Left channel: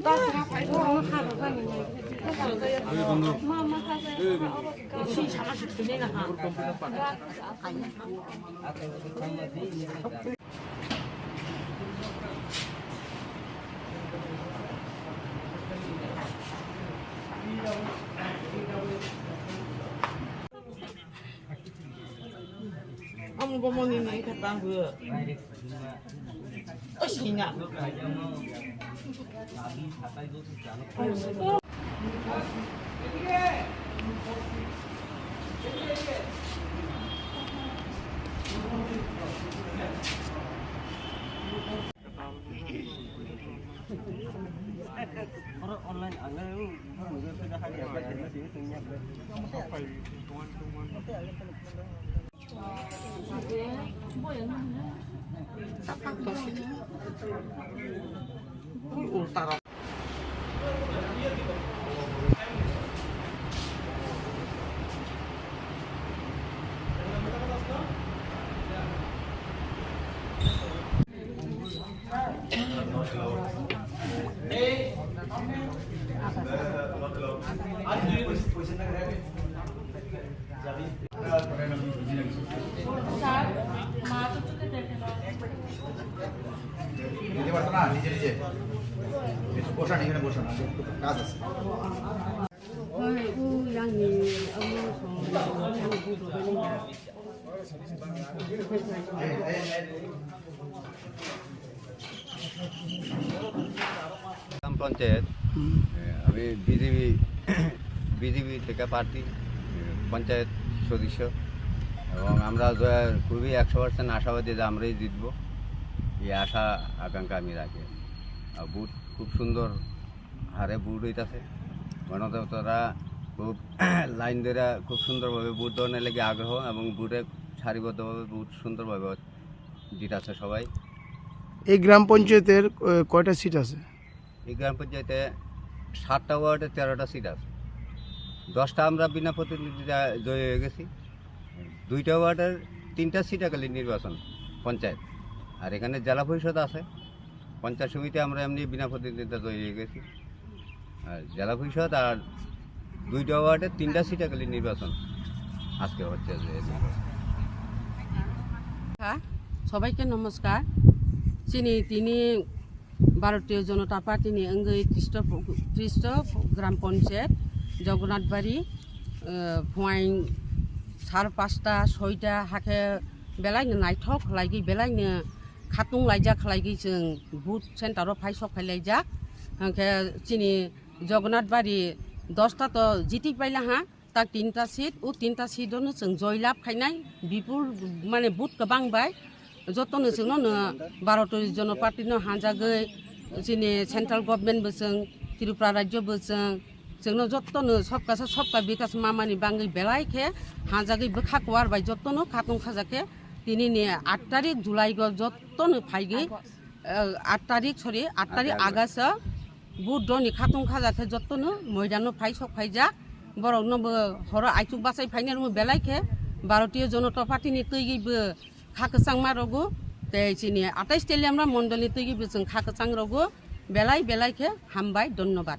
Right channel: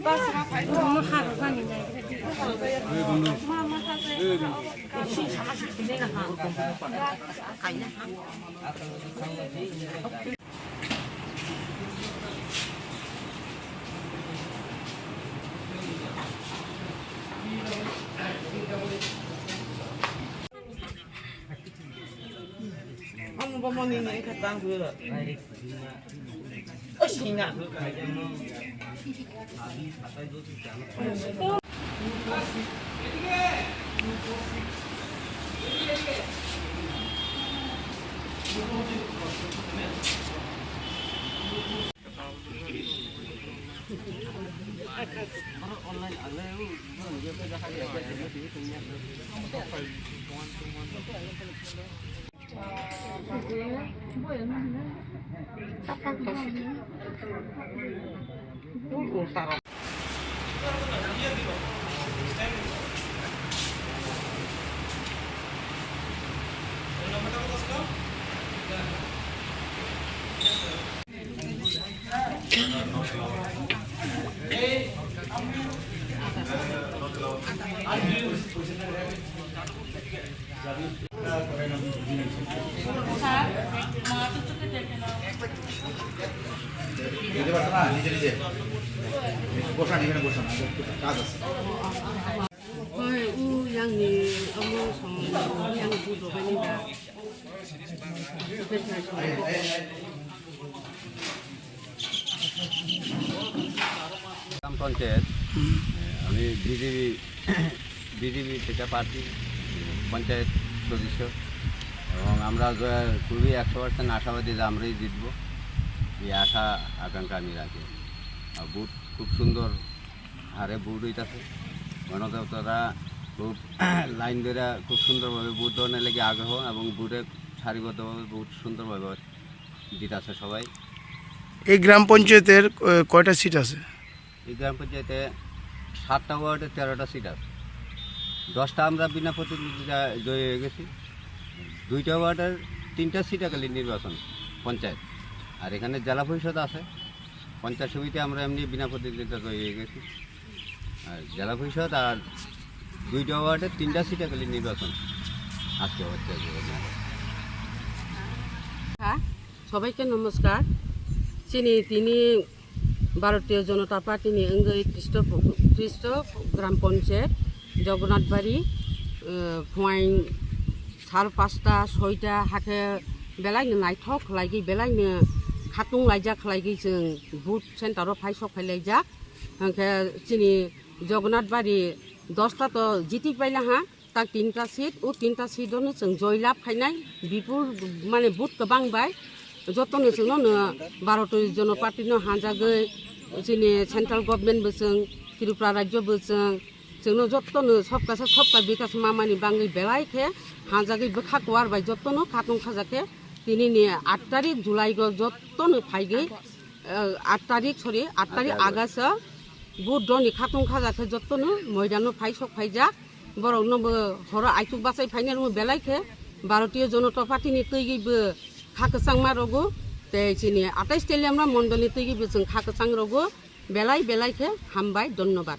Yeah. Kamu mau nini kata gue. Oh, Cina. Oh, ultara দিতে পারতো না নিজে নিজে বসান এখানে বসান কাজ আছে গ্রাম পঞ্চায়েত, আমি বিজেপি বিজেপি থেকে পার্টি, পঞ্চায়েত সদস্য, এবং আমরা খুবই একশো পার্সেন্ট আশাবাদী যে আমরাই জিতব। এই আশা, আকাঙ্ক্ষা আমি রাখি। আর বুট খুব সুন্দর হারে বুট হইতাছে। গণদেবতারা খুব লাইন ধরে খুব সুন্দরভাবে বুট ধরনের লেগে আগ্রহ এবং বুটে সারিবদ্ধভাবে বুট সুন্দরভাবে দিতেছে সবাই। এই গ্রাম পঞ্চায়েতের কয়টা সিট আছে? এই গ্রাম পঞ্চায়েতে সাতটা ওয়ার্ডে তেরোটা সিট আছে। দশটা আমরা বিনা প্রতিনিধিতা জয়ী হয়ে গেছি। দুইটা ওয়ার্ডের তিনটা সিট একালি নির্বাচন পঞ্চায়েত। আর এখানে জেলা পরিষদ আছে। পঞ্চায়েত সমিতি আমরা এমনি বিনা প্রতিনিধিতা জয়ী হয়ে গেছি। আর জেলা পরিষদ আর দুইটা ওয়ার্ডের তিনটা সিট একালি নির্বাচন। আজকে হচ্ছে যে সবাইকে নমস্কার। চিনি, তিনি ভারতীয় জনতা পার্টি নিয়ে অঙ্গই খ্রিস্ট খ্রিস্ট গ্রাম পঞ্চায়েত জগন্নাথবাড়ি ফুয়াইন সাড়ে পাঁচটা, ছয়টা হাতে বেলাইনো নাইথক লাইগি বেলাইনো খাতুং লাইজা লাইগি বুথ সেন্টারও ফাই সখাইলাইজাক হাঁকে চিনি জগন্নাথবাড়ি দশটা তো জিটি পাইলে হা তার তিনটা সিট, ও তিনটা সিটও জয়লাভ খাইনাই বিপুল মানে বুথ বাংবাই। যত্ন নিয়েছিল বারোটির জন্য পার্টির হাজাগৈ চিনি সেন্ট্রাল গভর্নমেন্ট বেসং ত্রিপুরা রাজ্য বেসং जोंनो जत्न सबकासे सबका विकास मामानि बांगि बेलाय के हाजागि बखा कुवार बाय जत्न खातुं खाजाके तिनि ने 8 तारिख जुलाई ग जत्न फाइगि 8 तारिख सरी 8 तारिख अगस्त बुध नि खातुं खाजाके जत्न मैदानो फाइ सख फाइजा बरक नबो हर आइचुक बासाय फाइनार बेलाय के भारतीय जनता पार्टीनि तैगिबो খাকচাংমা রোগো চিনি আটাইশ তেলি আমরা মন্ডলিতে গিয়ে বেছেন খাকচাং বেলাই বেলাইকে হামবাই ধন্যবাদ